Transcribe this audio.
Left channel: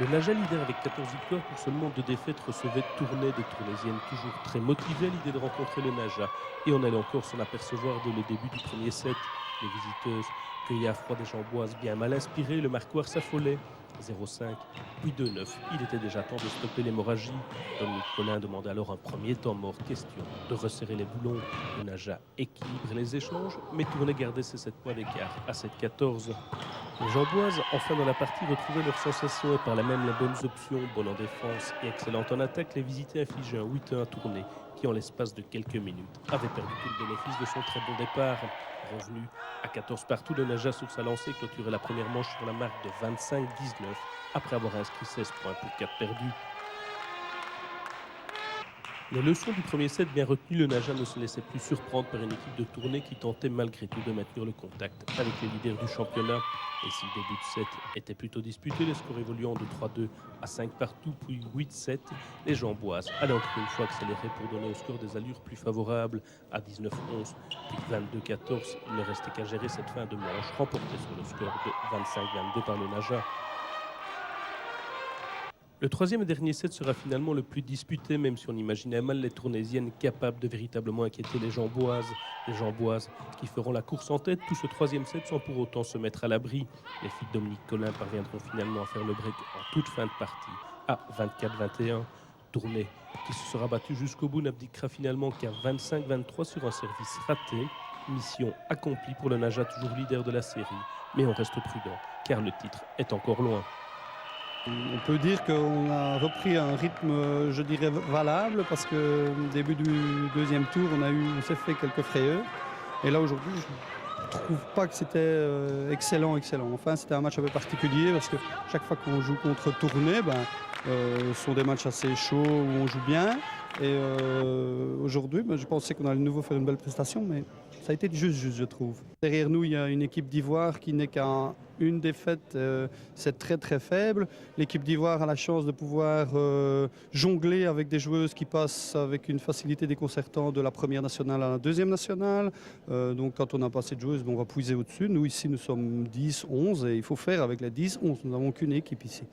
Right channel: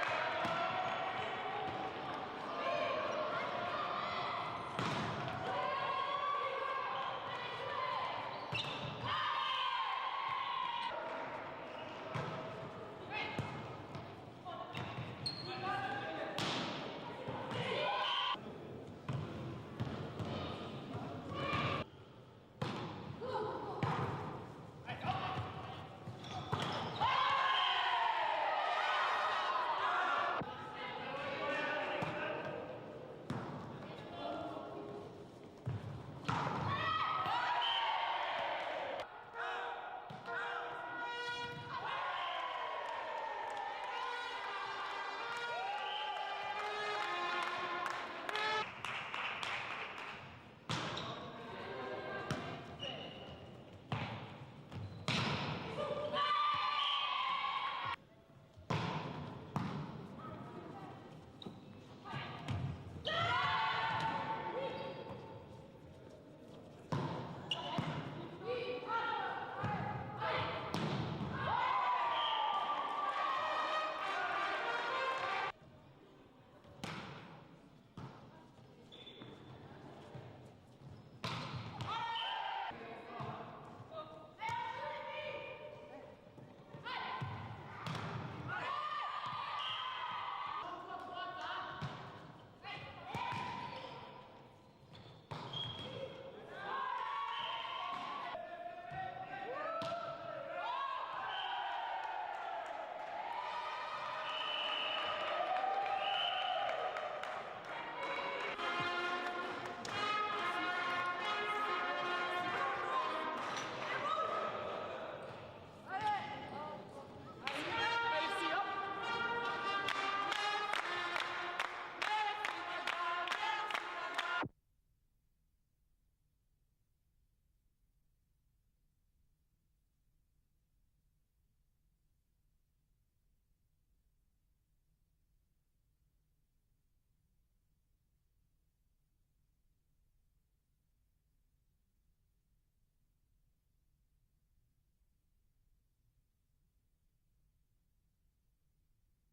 Le Naja leader avec 14 victoires pour seulement 2 défaites recevait Tournai des Tournaisiennes, toujours très motivées à l'idée de rencontrer le Naja. Et on allait encore s'en apercevoir dès le début du premier set. Les visiteuses cueillées à froid des Jamboises bien mal inspirées, le marquoir s'affolait. 0,5, puis 2,9. Il était déjà temps de stopper l'hémorragie. Dominique Collin demanda alors un premier temps mort, question de resserrer les boulons. Le Naja équilibre les échanges, mais Tournai gardait ses 7 points d'écart à 7,14. Les Jamboises, enfin dans la partie, retrouvaient leurs sensations et par là même les bonnes options, bonne en défense et excellente en attaque. Les visiteurs infligeaient un 8-1 à Tournai, qui en l'espace de quelques minutes avait perdu tout le bénéfice de son très bon départ. Revenu à 14 partout, le Naja sur sa lancée clôturait la première manche sur la marque de 25-19 après avoir inscrit 16 points pour 4 perdus. Les leçons du premier set bien retenues, le Naja ne se laissait plus surprendre par une équipe de Tournai qui tentait malgré tout de maintenir le contact avec le leader du championnat. Et si le début de set était plutôt disputé, les scores évoluant de 3-2 à 5 partout, puis 8-7, les Jamboises allaient encore une fois accélérer pour donner au score des allures plus favorables à 19-11 puis 22-14. Il ne restait qu'à gérer cette fin de manche, remportée sur le score de 25-22 par le Naja. Le troisième et dernier set sera finalement le plus disputé, même si on imaginait mal les Tournaisiennes capables de véritablement inquiéter les Jamboises. Les Jamboises qui feront la course en tête tout ce troisième set sans pour autant se mettre à l'abri. Les filles de Dominique Collin parviendront finalement à faire le break en toute fin de partie à 24-21. Tournai, qui se sera battu jusqu'au bout, n'abdiquera finalement qu'à 25-23 sur un service raté. Mission accomplie pour le Naja, toujours leader de la série. Mais on reste prudent, car le titre est encore loin. On peut dire qu'on a repris un rythme, je dirais, valable, parce que au début du deuxième tour, on s'est fait quelques frayeurs. Et là, aujourd'hui, je ne trouve pas que c'était excellent. Enfin, c'était un match un peu particulier, parce que chaque fois qu'on joue contre Tournai, ce sont des matchs assez chauds où on joue bien. Et aujourd'hui, je pensais qu'on allait de nouveau faire une belle prestation, mais ça a été juste, je trouve. Derrière nous, il y a une équipe d'Ivoire qui n'est qu'à une défaite, c'est très faible. L'équipe d'Ivoire a la chance de pouvoir jongler avec des joueuses qui passent avec une facilité déconcertante de la première nationale à la deuxième nationale. Donc quand on n'a pas assez de joueuses, on va puiser au-dessus. Nous ici, nous sommes 10, 11 et il faut faire avec les 10, 11. Nous n'avons qu'une équipe ici.